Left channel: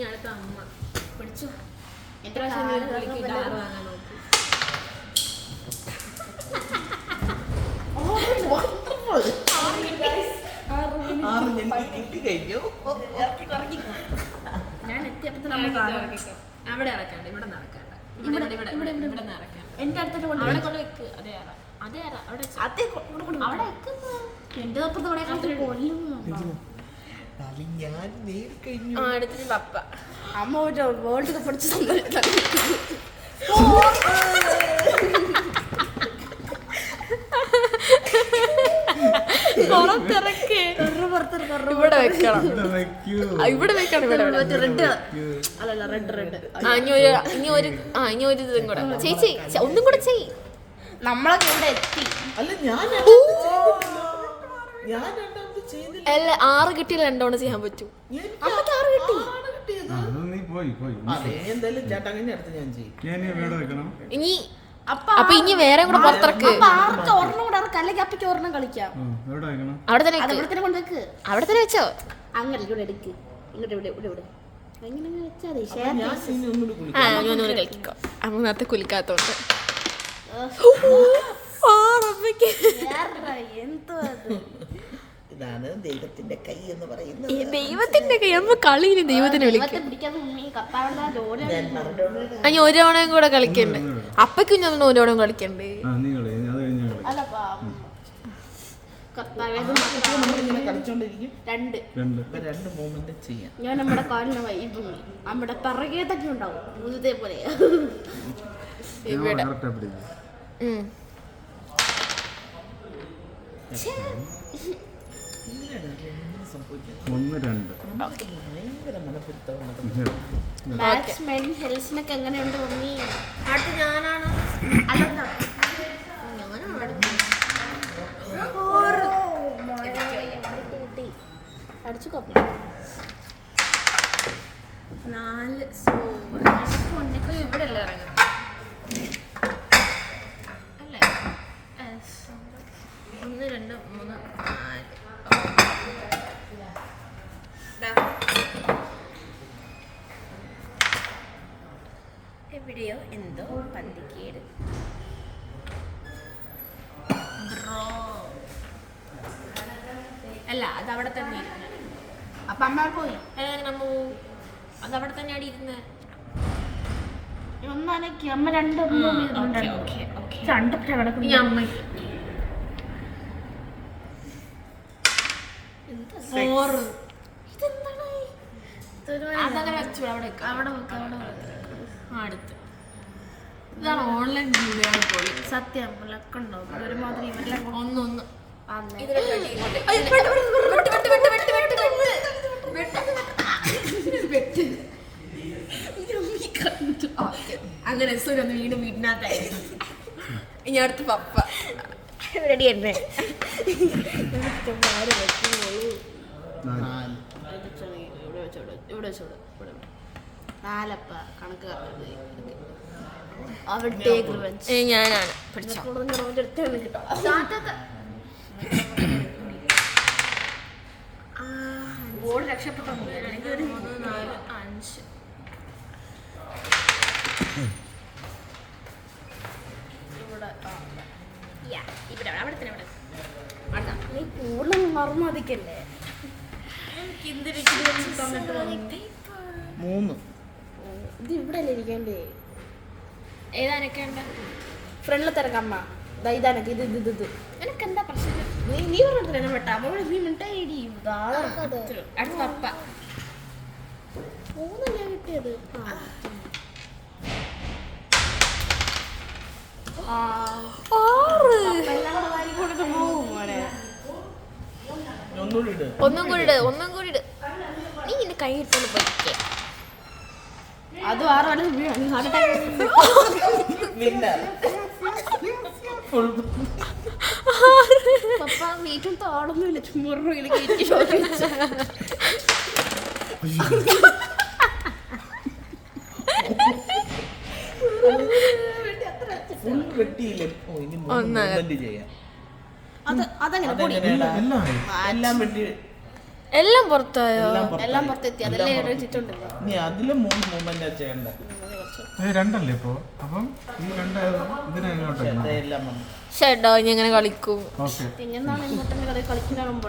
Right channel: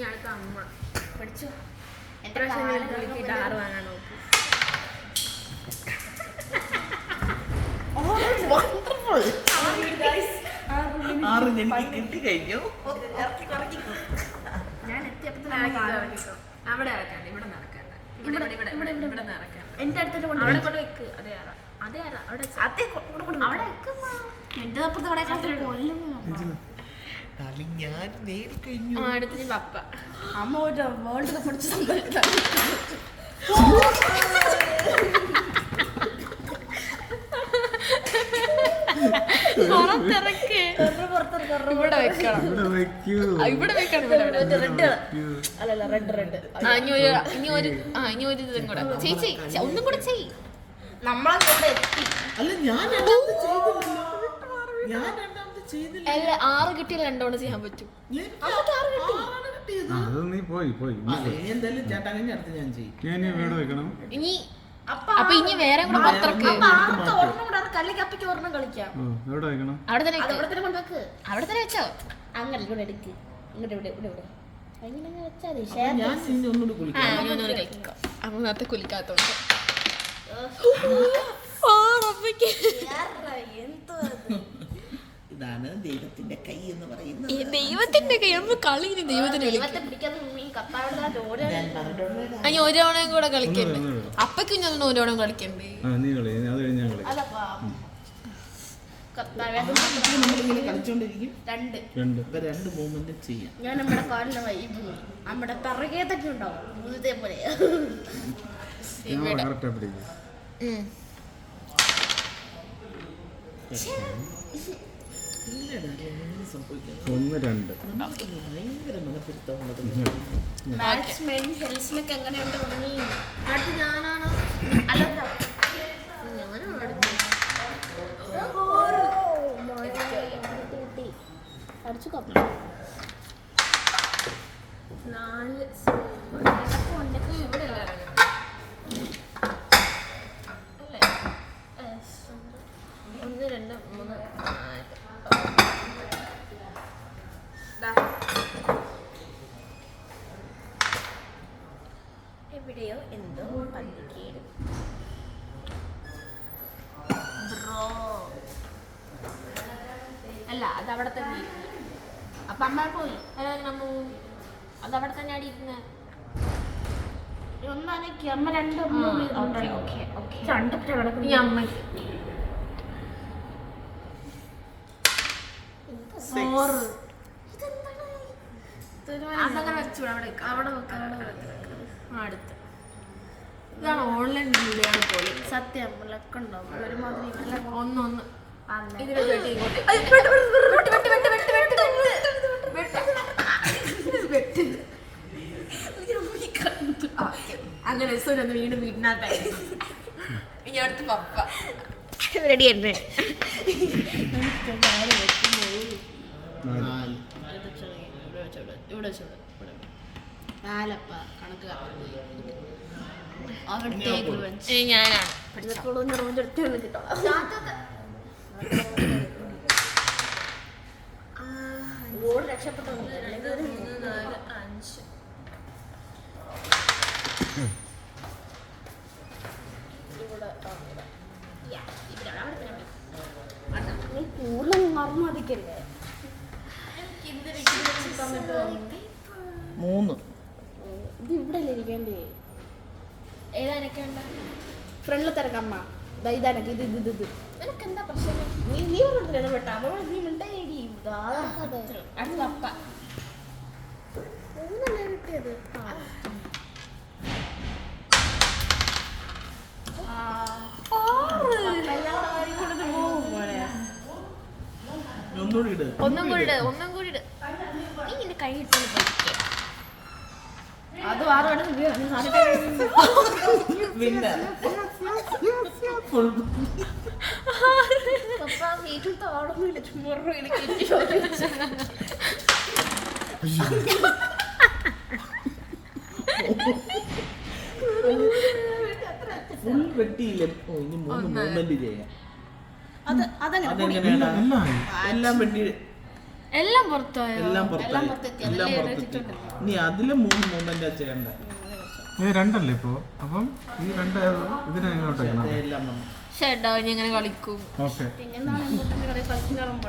ഞാനിപ്പോ അമ്മ പഠിച്ചു. എന്റെ ആറ് വാങ്ങാൻ നോക്കി. ഞാൻ എത്തിയപ്പോ അവിടെ ഇറക്കാണ്ട്, ഇവിടെ നിറക്കാണ്ട, ഇവിടെ നിറക്കാണ്ട്. എന്റെ അടുത്തോട്ട് അവിടെ കൊണ്ട് വെക്ക്. അതെ അവിടെ എന്റെ അപ്പുറത്ത് അവിടെ കൊല്ലും. അടുത്തത് പപ്പ. അമ്മ ഒരു വേൾഡ് കപ്പ് പഠിച്ച സംഭവിക്കാം. ഇവിടെ വെക്കണം, ഇവിടെ വെക്കണം. അല്ലല്ല റെഡ്. ഇനി ഒരു ഇതും കൂടെ ചേച്ചി, ഒന്നും കൂടെ ചെയ്. നമ്മളൊക്കെ ഇവിടെ എത്തി. അല്ല 6 കിട്ടിയാൽ 2 തവണ ചെയ്യാൻ പറ്റും. ഇനി അപ്പൊ ഇനി വേറെ കൂടെ പുറത്തിറക്ക്. അവിടെ തന്നെ വെച്ചോ. അങ്ങനെ ഇവിടെ എടുക്ക്. ഇങ്ങോട്ട് ഇവിടെ അങ്ങനെ വെച്ചാൽ ഒന്നുകൂടെ കഴിക്കോ. അമ്മ നേരത്തെ കുലിക്കാത്തോണ്ട് ഇതാണ് ദൈവത്തിന്റെ കൈ എന്ന് പറയുന്നത്. ദൈവത്തിന്റെ കൈ. അമ്മ കളിയിന് ദൈവത്തിനെ വിളിക്കും. അനി ഒരു തവണയും കൂടെ കളിക്കണ്ടേ? അപ്പക്ക് ഞാൻ ഒരു തവണ കളിക്കണ്ടേ? രണ്ട് മൂവ്മെന്റ് ചെയ്യാം. ഞാൻ നമ്മുടെ കാലിന് വൈബ് നമ്മുടെ പിറകെ തന്നെ ഉണ്ടാവും ഇതേപോലെ. എങ്ങനെയുണ്ട്? അടുത്ത് ഞാനാണോ? അടിച്ചു കപ്പ 4 ഇവിടെ അല്ലേ ഇറങ്ങുന്നത്? അല്ലേ? 1 2 3 4. എവിടെയോ എന്തോ പന്തിക്കേട്. അല്ല, അത് അവിടെ തന്നെ ഇരുന്ന്. അപ്പൊ അമ്മ പോയി. അതവിടെ തന്നെ അടി ഇരുന്ന്. ഒന്നാലേക്ക് അമ്മ രണ്ട് കിടക്കുന്നു. അതങ്ങനെ വെച്ചു. അവിടെ അടുത്ത് ഇതാണ് ഓൺലൈൻ വീഡിയോ പോയി. സത്യം ലക്കുണ്ടോ? ഒരുമാതിരി ഒന്ന് അങ്ങനെ സുരന്ന് വീണ്ടും വീടിനകത്തായിരുന്നു. ഇനി അടുത്ത് പപ്പ റെഡി തന്നെ. നാലപ്പ കണക്ക് ഞാനാണ് ഗോൾ രക്ഷപ്പെട്ടു. 3 4 5 നീ കൂടുതൽ മറന്നതിക്കല്ലേ? 3 ഇത് ഇവിടെ അല്ലേ ഇരിക്കണ്ടേ? ഏതാനൊക്കെ ഉണ്ട് ഫ്രണ്ടിൽ തിരക്കമ്മ. ഇതാനക്ക് ഇത് എനിക്ക് എന്താ പ്രശ്നം? നീ പറഞ്ഞിട്ടില്ല പെട്ട അവൾ നീ മിണ്ടായി. അടുത്ത പപ്പ 3 കിട്ടിയത്. ഒന്നും കൂടി ഇട്. നീ നിന്റെ കൈ എടുത്തോണ്ട് പോയിക്കേ. അത് 6 വീട്ടിൽ താടൊന്നുമില്ല. ചുമ്മാ എല്ലാം പുറത്തായോ? എല്ലാം പുറത്തായി. എല്ലാം പുറത്തെത്തി. എല്ലാം അതെല്ലാം പുറത്തെത്തി. എഴുതിയിട്ടുണ്ട്. ഇനി അതില് 3 മൂവ്മെന്റ് ചെയ്യണ്ട. രണ്ടല്ലേ ഇപ്പോ? അപ്പം ഈ ഇതിനെ എങ്ങോട്ടേക്കണം? എല്ലാം വന്നു. ചേട്ടാ ഇനി എങ്ങനെ കളിക്കും? ഓക്കെ. പിന്നെ എന്താണ് ഇങ്ങോട്ട് കളിക്കുന്ന